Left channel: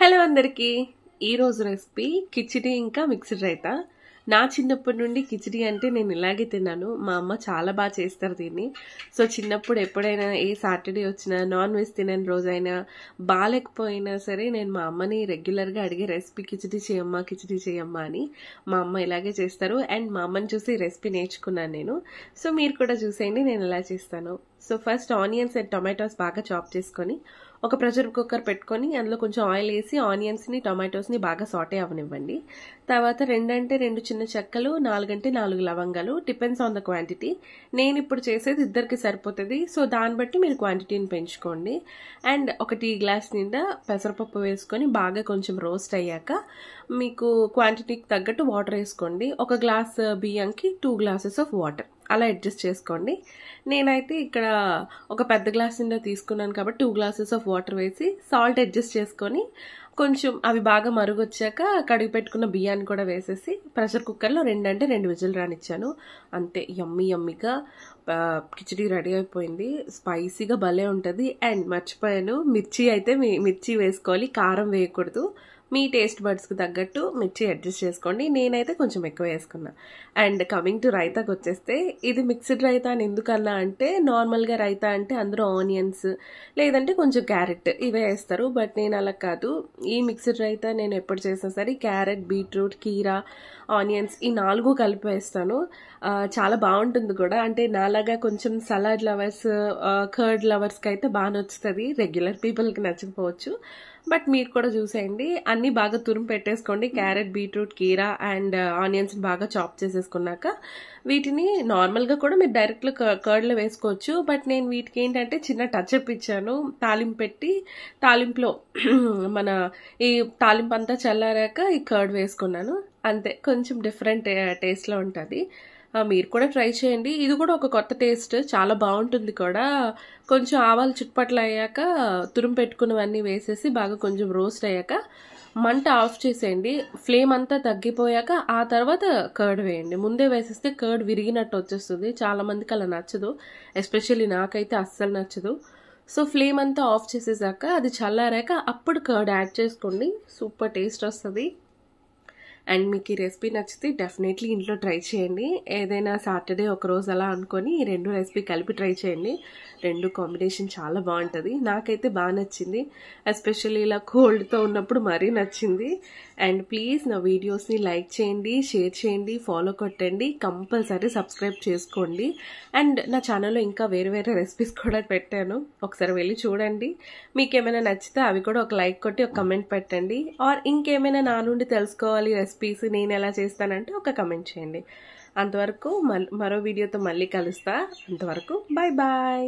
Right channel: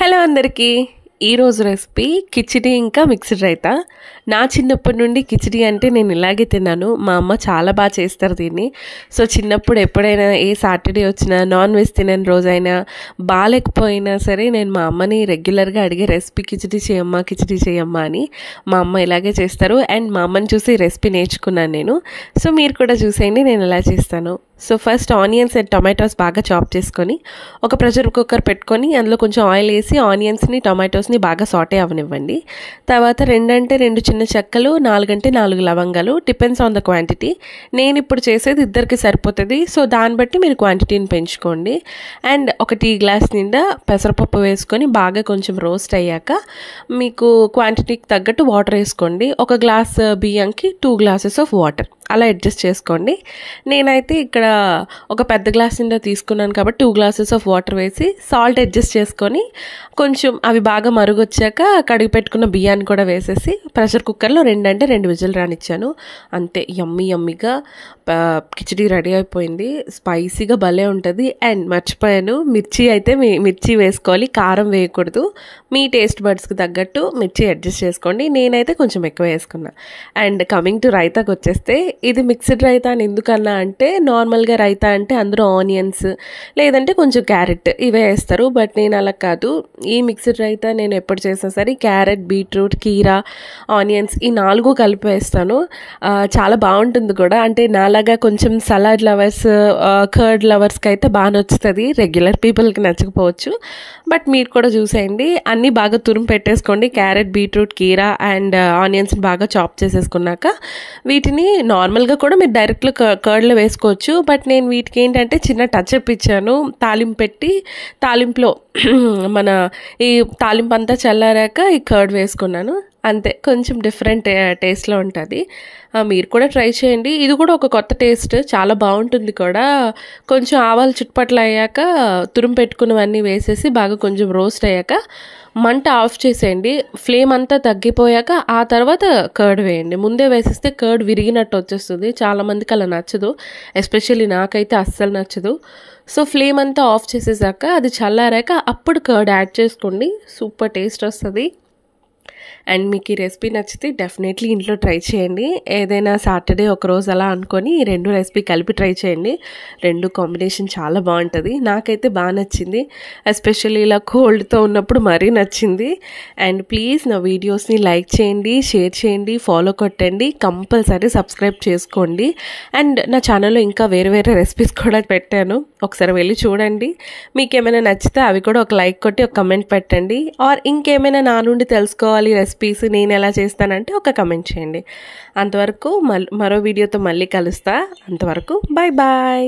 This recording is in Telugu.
హలో అందరికీ ఈరోజు రెసిపీ కిచిడి ఇంకా మిక్స్డ్ రైతా. నా చిన్నప్పటి నుండి కిచిడి అంటే నేను ఇలాగే తిన్నాను. మా అమ్మ చాలా బాగా చేస్తారు దీన్ని. సో చిన్నప్పుడు ఎప్పుడైనా ఏ సాటర్డే వచ్చినా, నాన్ వెజ్ తినని రోజైనా, బాగాలేకపోయినా సరే నేను మా అమ్మని రెగ్యులర్గా అడిగే రెసిపీ కిచిడి చేయమ్మా అని. మా అమ్మ ఇలాగే చేస్తారు అండ్ మా అమ్మని చూసి రెసిపీ నేర్చుకున్నాను నేను. సో మీరు కూడా చూసేయండి నేను ఎలా చేస్తాను. So first onions and tomatoes బాగా చాప్ చేసుకొని ఒక ప్రెషర్ కుక్కర్ పెట్టుకొని అందులో కొంచెం ఆయిల్ వేసి ఆనియన్స్ని టొమాటోస్ని బాగా సాటే అవ్వనివ్వండి. తర్వాత 2 చిన్న చెక్కలు, 4 లవంగాలు, డిపెండ్స్ ఆన్ ద క్వాంటిటీ. నేను ఇప్పుడు చేసేది ఇద్దరికి సరిపోతుంది. సో దాన్ని బట్టి మీరు క్వాంటిటీని పెంచుకోండి. అండ్ ఒక టీ గ్లాస్ నిండా పెసరపప్పు వేసుకొని బాగా కొంచెం రోస్ట్ అయ్యాక మీకు క్వాంటిటీకి తగ్గట్టు వాటర్ వేసుకోండి. ఒక గ్లాస్ బియ్యంకి 2 గ్లాసెస్ ఆఫ్ వాటర్ అలా అడ్జస్ట్ చేసుకోండి. నేనైతే ఇక్కడ ఒక పెద్ద గ్లాస్ నిండా తీసుకున్నాను కాబట్టి 2 గ్లాసెస్ ఆఫ్ వాటర్ వేసి సాల్ట్ అడ్జస్ట్ చేసుకొని కొంచెం అవి బాగా మరుగొచ్చాక కడిగి పెట్టుకున్న బియ్యాన్ని కూడా వేసేసి ప్రెషర్ కుక్కర్లో 2 విజిల్ రానిచ్చాను. అంతే, యమ్మీగా కిచిడి రెడీ అయిపోయింది. స్పైసీగా భలే ఉంటుంది. అండ్ మర్చిపోయాను, మిర్చి వేసుకోవాలి, కారం వేయకూడదు. మీ టేస్ట్ బడ్స్కి తగ్గట్టు మిర్చి అడ్జస్ట్ చేసుకోండి. నేనైతే కొంచెం ఎక్కువ వేసుకున్నా. అండ్ కమింగ్ టు రైతాకి వచ్చేస్తే, ఇది మిక్స్డ్ రైతా అని ఎందుకన్నా అంటే, నార్మల్గా రైతా అంటే అందరూ ఆనియన్స్ లేదంటే కొంచెం క్యారెట్ ఇవే వేస్తారు. బట్ నేను అలా కాదు. ఈ మిక్స్డ్ రైతా నేను ఎప్పుడు చేసినా సరే క్యారెట్, బీట్రూట్, కీరా, ఆనియన్స్ ఈ 4 కలిపి వేస్తాను. చాలా బాగుంటుంది కూడా. అంటే నాలాగా కొంచెం సలాడ్ లవర్స్, కర్డ్ లవర్స్కి అయితే బాగా నచ్చుతుంది. రెగ్యులర్ పీపుల్కి నచ్చకపోవచ్చు. బట్ మీరు కూడా చూసేయండి. అన్నీ బాగా తురుము పెట్టేసుకోండి. క్యారెట్, బీట్రూట్, కీరా అండ్ ఆనియన్స్ని బాగా చాప్ చేసేసుకున్నాక వీటిని నార్మల్గా కూడా మీరు డైరెక్ట్లో కర్డ్లో వేసుకోవచ్చు. బట్ నేను వీటికి ఏంటంటే చిన్న టచ్ అప్ ఇచ్చాను. తాలింపు పెట్టి తాలింపులో మన ఈ తాలింపు అంతా చల్లారాక ఈ కర్డ్ వేసుకున్నాను. అంతే, కొంచెం డిఫరెంట్ టేస్ట్లో ఉంటుంది. మీరు కూడా ట్రై చేయండి. ఇది కూడా ఒక కొత్త టేస్ట్, చాలా బాగుంటుంది కూడా. కొంచెం ఆవాలు చుట్టుపట్ల అయ్యాక తురుము పెట్టుకున్నవన్నీ వేసేసి బాగా కొంచెం రోస్ట్ అయ్యాక మంట ఆఫ్ చేసేయండి. ఫ్లేమ్ అంతా తగ్గిపోయాక ఆ తర్వాత కర్డ్ వేయండి. ముందే వేసేస్తే కర్డ్ విరిగినట్టు వచ్చేస్తుంది. చాలామందికి అలా నచ్చదు, ఎస్పెషల్లీ నాకైతే అస్సలు నచ్చదు. సో ఫ్లేమ్ అంతా ఆఫ్ చేసేసాక అది చల్లారాక అప్పుడు కర్డ్ యాడ్ చేసుకోండి. సూపర్ టేస్ట్ వస్తుంది. అండ్ మీకు ఈ రెసిపీ నచ్చితే డెఫినెట్లీ ఇంట్లో ట్రై చేయండి. ఏదైనా సాటర్డే ఒకరోజు అలా అనుకొని ఈ 2 రెసిపీ కలిపి ట్రై చేయండి. 2 కాంబినేషన్ చాలా బాగుంటుంది. నాకైతే బాగా నచ్చింది. ఎస్పెషల్లీ ఇలా కోల్డ్తో ఉన్నప్పుడు మరీ నచ్చింది. అండ్ ప్లీజ్ నా వీడియోస్ని లైక్ చేయండి, షేర్ చేయండి, ఫాలో కొట్టండి, కంపల్సరీ సబ్స్క్రైబ్ చేసుకోండి. అండ్ నా ఛానల్లో ఇంకా వేరే రెసిపీస్ కూడా పెట్టాను, ఒకసారి వెళ్ళి చూడండి. మీకు ఏమైనా నచ్చితే అవి కూడా ఒక లైక్ కొట్టి ఒక కమెంట్ పెట్టండి. ఆర్ ఇంకేమైనా నా నుండి తెలుసుకోవాలి రెసిపీస్ నేను ఎలా చేస్తానంటే ఒక కమెంట్ చేయండి. అంతవరకు మరో వీడియోతో మళ్ళీ కలుస్తా. అంతవరకు బాయ్.